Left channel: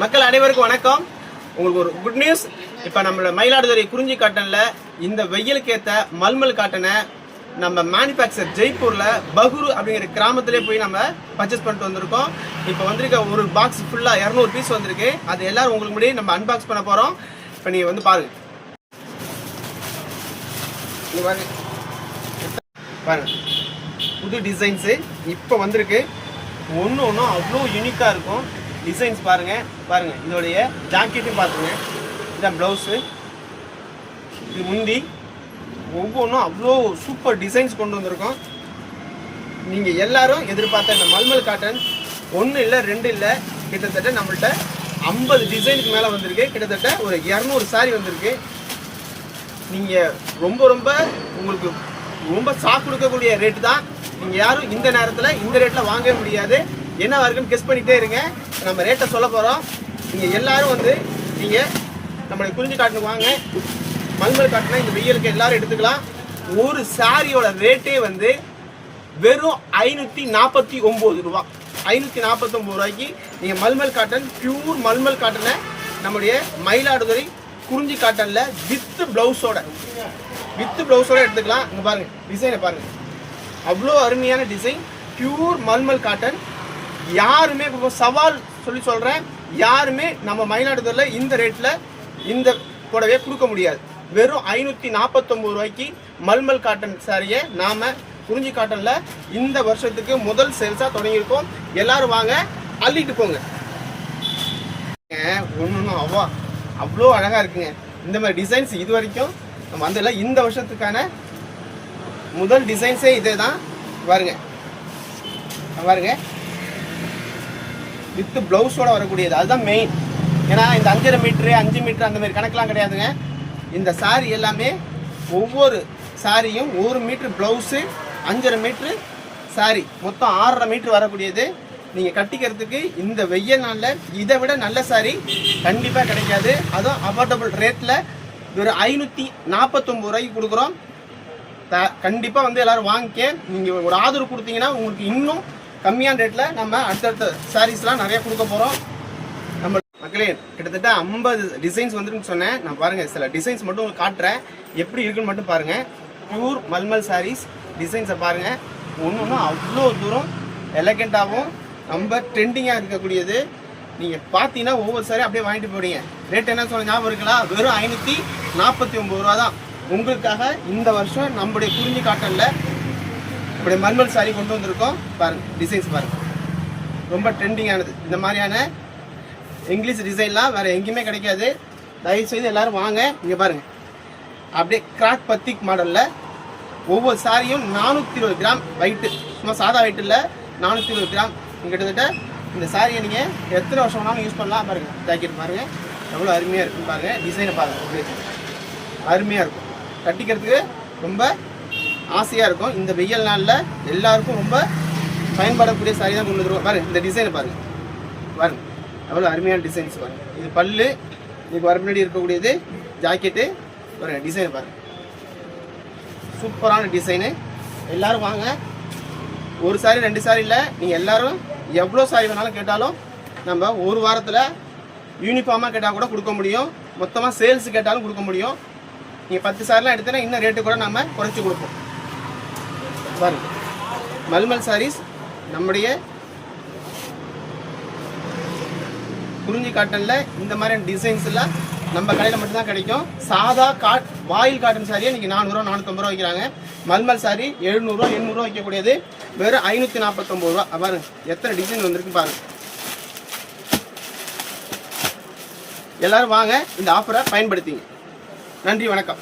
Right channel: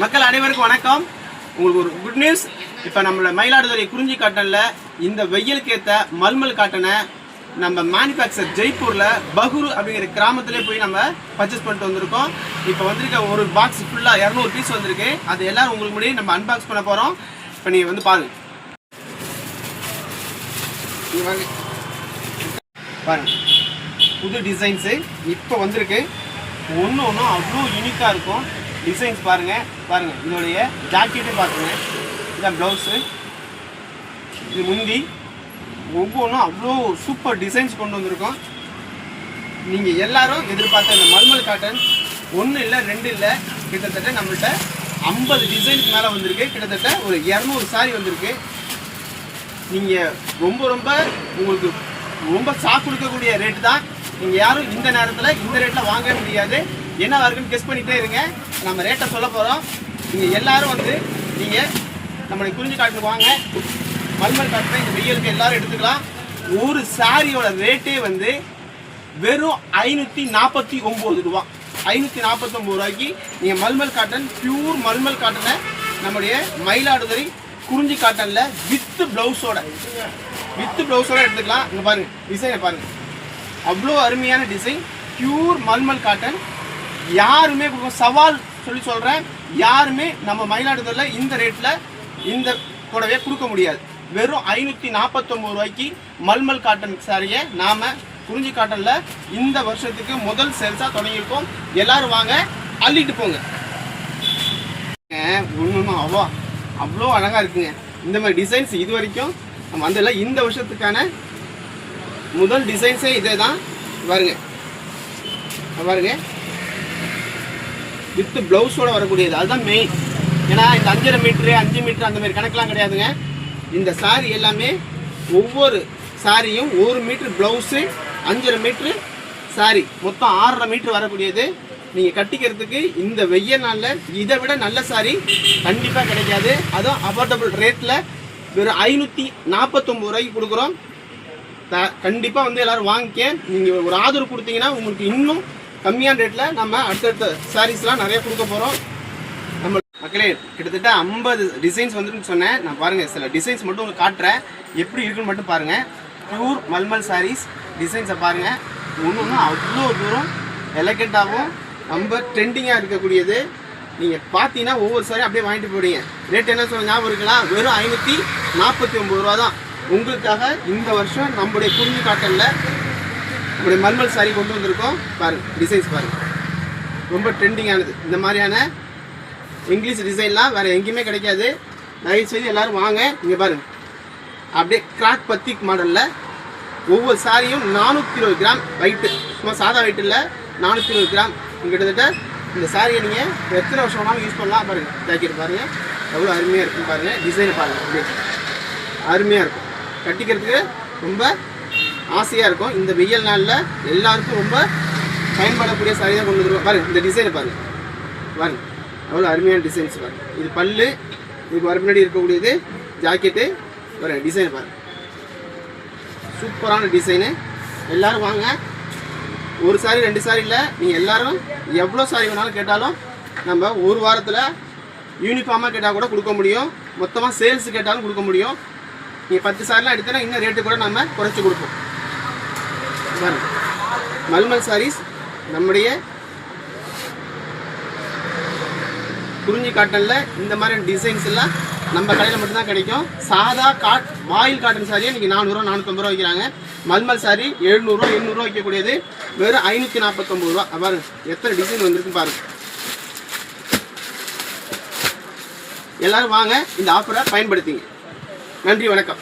மக்கள் அனைவருக்கும் வணக்கம். உங்களுக்கு ஒரு குட் நியூஸ். இப்போ நம்மளோட மயிலாடுதுறை குறிஞ்சி காட்டனில் இந்த வெயிலுக்கு ஏற்ற மல்மல் காட்டனை நம்ம மேனுஃபேக்சர் ஜெய்ப்பூரில் பகுரு அப்படிங்கிற கிராமத்திலே போய் நம்ம பர்ச்சேஸ் பண்ணிட்டு வந்திருக்கோம். இப்போ வந்திருக்க ஒரு பாக்ஸ் ஃபுல்லாக 200 பீஸ் வந்திருக்கு. அது எல்லாரும் உங்களுக்கு முன்னாடி நம்ம அன்பாக்ஸ் பண்ண போகிறோம். இப்போ நீங்கள் வந்து பாருங்கள். பாருங்கள், புது டிசைன்ஸு இப்போ வந்திருக்கு. ஒன்று ஒன்றும் அவ்வளோ யூனிக்காக இருக்கும். டிசைன்ஸ் பாருங்கள். இதோடைய ஜாக்கெட்டும் பார்த்துங்க. இதுதான் ப்ளவுஸு, இது முந்தி. ஒவ்வொன்றும் அவ்வளோ சூப்பர் டிசைன்ஸ் கொண்டு வந்திருக்கோம். நீங்கள் எல்லாரும் எதிர்பார்த்த இந்த மல்மல் காட்டன் 1 இல்லை 2 இல்லை, கிட்டத்தட்ட நம்மள்கிட்ட 50 டிசைனுக்கு மேலே வந்திருக்கு. கிட்டத்தட்ட ஒரு 200 சாரி வந்திருக்கு. நீங்கள் உங்களுக்கு ரொம்ப ஷாக் கொடுக்கக்கூடிய ரேட்டு தான். நீங்கள் யாரும் இந்த நேரத்தில் இந்த ரேட்டில் வாங்கவே முடியாது. என்னவா இருக்குன்னு கெஸ் பண்ணிகிட்டே இருங்க. நம்ம ரேட்டை சொல்ல போகிறோம். நீங்கள் எல்லோரும் நீங்கள் நம்மளுடைய குறிஞ்சி காட்டுக்கு வாங்க. மல்மல் காட்டினா இந்த வெயிலுக்கு எல்லோரும் எடுத்துக்கலாம். ஒரு சாரியோட ரேட்டே வெறும் 549 ரூபா. 549 ரூபாய்க்கு நீங்கள் மல்மல் காட்டன், பியூர் மல்மல் காட்டனை நம்முடைய மயிலாடுதுறை குறிஞ்சி காட்டனில் வித் ப்ளவுஸோட எடுத்துக்கலாம். இங்கே பாருங்கள், டிசைனை பாருங்கள். அவ்வளோ அருமையான டிசைன். Pure mulmul cotton. யாருமே சவால் சொல்கிறேன், யாருமே நம்ம மயிலாடுதுறையில் இந்த ரேட்டில் இந்த புடவையை கொடுக்க முடியாது. வெறும் 549 ரூபாய்க்கு மல்மல் காட்டன் சாரியை நாம் குறிஞ்சி காட்டனில் இந்த வருஷத்துக்கு முதல் சேல்ஸாக தொடங்கியிருக்கோம். எல்லோரும் வாங்க, அள்ளிட்டு போங்க. ஒன்றும் அவ்வளோ அழகாக இருக்குங்க. இந்த மாதிரி டிசைன்ஸ் இது வரைக்கும் நம்ம வந்ததில்ல. இந்த வருஷத்துக்கான முதல் டிசைன்ஸே இதே தான். பாருங்க, வித் ப்ளவுஸோட வரக்கூடியது. அதுதான் மெயின். ஏன்னா இந்த 5.5 மீட்ரு 5 மீட்ரு அந்த மாதிரி கணக்கெலாம் கிடையாதுங்க. இந்த சாரி எல்லாமே ஒவ்வொரு சாரியும் 1 மீட்ரு ப்ளவுஸு, 5.5 மீட்ரு சாரி, மொத்தம் 6.5 மீட்ரு வரக்கூடியது. நீங்கள் கட்டிக்கிறதுக்கு இந்த வெய்ய நாளில் இதை விட நல்ல சாரி கண்டிப்பாக கிடைக்காது. அதுவும் அஃபோர்டபுள் ரேட்டில் வெறும் 549 ரூபாய்க்கு கொடுக்குறோம். கண்டிப்பாக எல்லோரும் வாங்கிக்க. நீங்கள் ஒரு ஆதரவு கொடுத்தீங்கன்னா உங்களுக்கு இன்னும் கம்மியான ரேட்டில் நம்ம அடுத்தடுத்த சாரீஸ்லாம் நிறைய கொடுக்க போகிறோம். நம்ம மக்களே கிட்டத்தட்ட 50 டிசைன்ஸ் வந்துன்னு சொன்னேன். நான் பாருங்கள், சில டிசைன்ஸ் மட்டும் உங்களுக்கு காட்டுறேன், எப்படி இருக்குன்னு மட்டும் பாருங்கள். பியூர் மல்மல் சாரீஸ் டிசைன்ஸை பாருங்கள். ஒன்றும் அவ்வளோ தூரம் எலகெண்ட்டாகவும் ரொம்ப ட்ரெண்டிங்காக இருக்கக்கூடியது. நீங்கள் பார்த்தீங்கன்னா ஒவ்வொரு சாரியும் அப்படியே வாங்கிட்டு போயிடுங்க. ரேட் என்ன சொல்ல ஞாபகம் இருக்கலாம், வெறும் 549 ரூபா தான். உங்களுக்காக இந்த வருஷம் நம்முடைய குறிஞ்சி காட்டனில் நம்முடைய மல்மல் சாரி கொண்டு வந்திருக்கோம். பாருங்கள், டிசைன்ஸ் பாருங்கள், ரொம்ப ட்ரெண்டிங்கானது. இந்த மாதிரியான இங்கிலீஷ் டிசைன்லாம் வேறு எங்கேயுமே கிடைக்காது. தயவுசெய்து எல்லோரும் வாங்க. இங்கே பாருங்கள், அப்படியே கிராக் பத்திக் மாடலில் ஒவ்வொரு சாரியும் 420 கிராம் வெயிட்டு. சும்மா சாதா வெயிட் இல்லை, 420 கிராம். கிட்டத்தட்ட இந்த சாரியை நீங்கள் எத்தனை வருஷம் வேணாலும் யூஸ் பண்ணலாம். பாருங்கள், ஜாக்கெட் பாருங்கள், எவ்வளோ அருமையாக இருக்கும் பாருங்கள். டிசைனை பாருங்கள், அருமையாக இருக்கும். கட்டிக்கிறதுக்கு ரொம்ப ஆசையாக இருக்கும். இந்த வெயில் நாளில் எல்லாருக்கும் ரொம்ப பயன்படக்கூடிய சாரி தான் கொண்டு வந்துருவோம். பாருங்கள், இந்த டிசைனை பாருங்கள், எவ்வளோ அருமையான டிசைன்ஸ் பாருங்கள். இது பல்லு, இதுக்கு வர முன்னாடி இருக்கக்கூடியது ஜாக்கெட்டு. பாருங்கள், டிசைனை பாருங்கள், சூப்பரான டிசைனு. எல்லோரும் வாங்க. ஒரு சாரி 2 சாரி இல்லை, நீங்கள் எல்லோரும் எவ்வளோ சாரி வேணாலும் கேட்டாலும் நம்ம ஒரு வாரத்தில் யூனிஃபார்மாக கேட்டால் கூட கொடுக்க முடியும். மொத்தமாக சேல்ஸ் கேட்டாலும் கொடுக்க முடியும். நீங்கள் 10 சாரிலாம் எடுத்தோன்னா இன்னும் ரேட்டு கூட நம்ம குறைச்சி கொடுப்போம். பாருங்கள், மல்மல் சாரீஸ் நம்முடைய குறிஞ்சி காட்டனில் இந்த மாதிரியான டிசைன்ஸ் எல்லாம் நம்ம கடையில் மட்டும்தான் கிடைக்கும். சாதா வாயில் காட்டன் சாரியை நீங்கள் 400 450 ரூபா வைக்கிறாங்க. மல்மல் சாரி 700 800 வைக்கக்கூடியது வெறும் 549 ரூபா. பாருங்கள், எத்தனை டிசைன் வந்திருக்கு பாருங்கள். எல்லோரும் வாங்க, இந்த ஆஃபரை பயன்படுத்திங்க. நன்றி, வணக்கம்.